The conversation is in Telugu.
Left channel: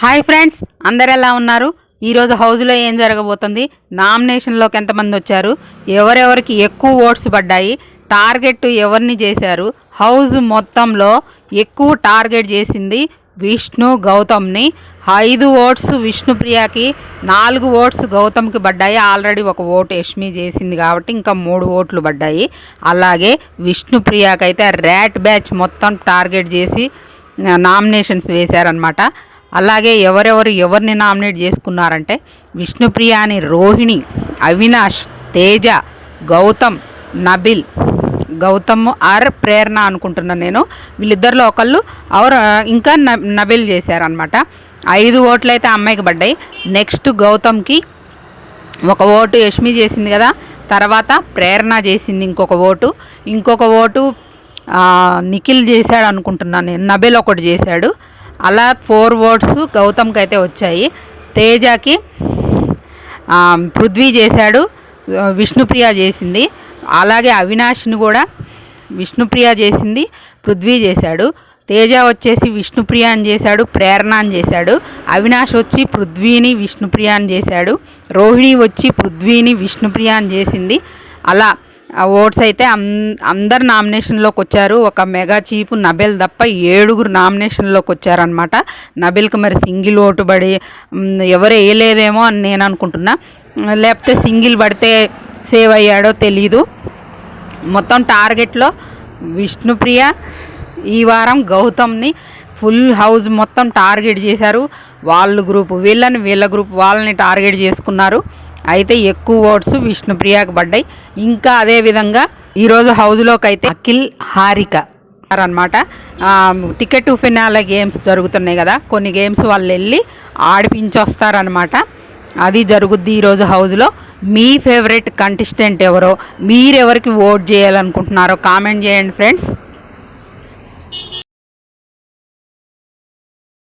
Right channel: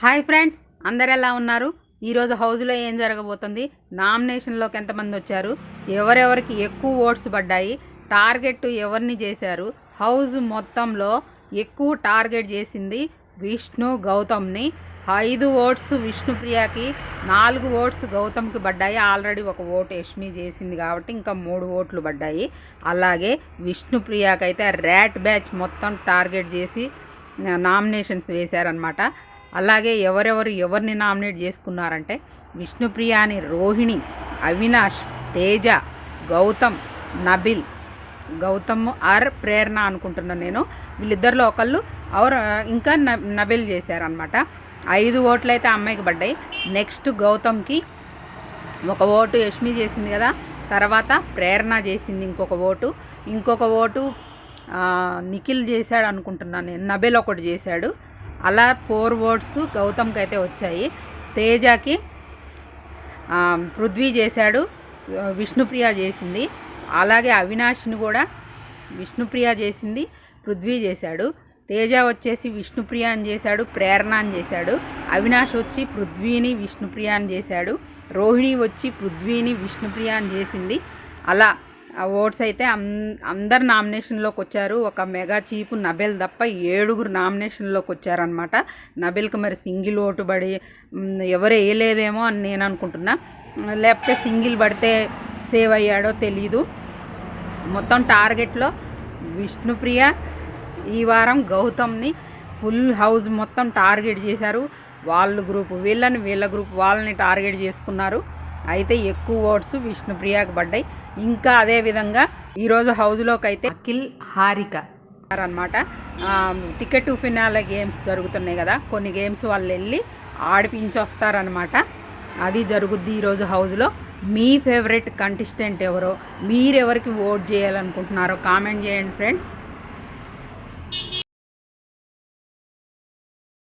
హాయ్ ఫ్రెండ్స్, అందరు ఎలా ఉన్నారు? ఈరోజు హౌస్లో ఏం జరగబోతుంది, నామినేషన్లోకి ఎంతమంది వచ్చారు, ఎవరెవరికి ఎక్కువ ఓట్స్ పడ్డాయి, టార్గెట్ ఎవరిని చేశారు, హౌస్ మొత్తంలో ఎక్కువ టార్గెట్ చేసింది విష్ణు గౌతమ్ని. 5 ఓట్స్ విష్ణుప్రియకి, 4 ఓట్స్ గౌతమ్కి పడ్డాయి. ఆల్రెడీ ఒక ఓటు యష్మి చేసింది కాబట్టి ఇంకా 3 ఓట్లు పడ్డాయి. అలాగే విష్ణుప్రియకి అయితే ర్యాట్ బ్యాచ్ మొత్తం టార్గెట్ చేసి నామినేషన్స్ వేశారనమాట. అలాగే ఎవరిని నామినేట్ చేసుకున్నారంటే విష్ణుప్రియాని రోహిణి, అవినాష్, తేజ, గౌతమ్, నబిల్. గౌతమ్ ఆర్ ప్రేరణ అనుకుంటున్నాను నేను, వీళ్ళిద్దరిలో ఒకళ్ళు ఇంకా నబిల్ చేశారనమాట. 5 ఓట్లు అయితే అమ్మాయికి పడ్డాయి. నెక్స్ట్ గౌతమ్కి 1 ఓటు యష్మి చేసింది కదా, తర్వాత ప్రేరణ చేసింది ఇంకొక ఓటు నిఖిల్ చేశాడు అనుకుంటున్నాను నేను, నబిల్ ఒకటి చేశాడు. అలా 4 ఓట్స్ గౌతమ్కి అయితే వచ్చాయి. తేజకి పృథ్వీ చేశాడు, విష్ణుప్రియ చేసింది. అలాగే అవినాష్ని కూడా విష్ణుప్రియ చేసింది, పృథ్వీ చేశాడు. తేజ వచ్చేసి విష్ణుప్రియ అని చేశాడు, ప్రేరణ అని చేశాడు. అవినాష్ వచ్చి పృథ్వీని విష్ణుప్రియ అని చేశాడు. రోహిణి వచ్చి పృథ్వీని విష్ణుప్రియ అని చేసింది. అలా ఆ ఓట్స్ అయితే అందరు నామినేషన్లోకి వచ్చారు. ఒక మెగా చీపు నబిల్ తప్ప 7 నామినేషన్లోకి వచ్చారనమాట. నబిల్కి మరి సింగిల్ ఓటు పడి ఎవరు వేయలేదేమో అని నేను అనుకుంటున్నా, లేకపోతే సింగిల్ పడితే సేవ్ అయ్యాడో తెలీదు. మొత్తం టార్గెట్లో విష్ణుప్రియ ఈ వారం గౌతమ్ని ఫుల్ హౌస్ మొత్తం టార్గెట్ చేశారు. వాళ్ళ గ్రూపు వీళ్ళ గ్రూప్ వాళ్ళని టార్గెట్ చేసుకున్నారు. అయితే ఎక్కువ ఓట్స్ విష్ణుప్రియకి పడ్డాయి. ఇంకా అదేవిధంగా ఈరోజు హౌస్లోకి అయితే అఖిల్, హారిక అనమాట. టికెట్ టు ఫినాలే గేమ్స్ జరుగుతున్నాయి కదా, కొన్ని గేమ్స్ వాళ్ళు వెళ్ళి ఆడిపించొస్తారనమాట. అది జరుగుద్ది ఈరోజు హౌస్లో. మీ ఫేవరెట్ కంటెస్టెంట్ ఎవరో, మీరెవరికి ఓట్ చేయాలనుకుంటున్నారో కామెంట్ చేయండి ఫ్రెండ్స్.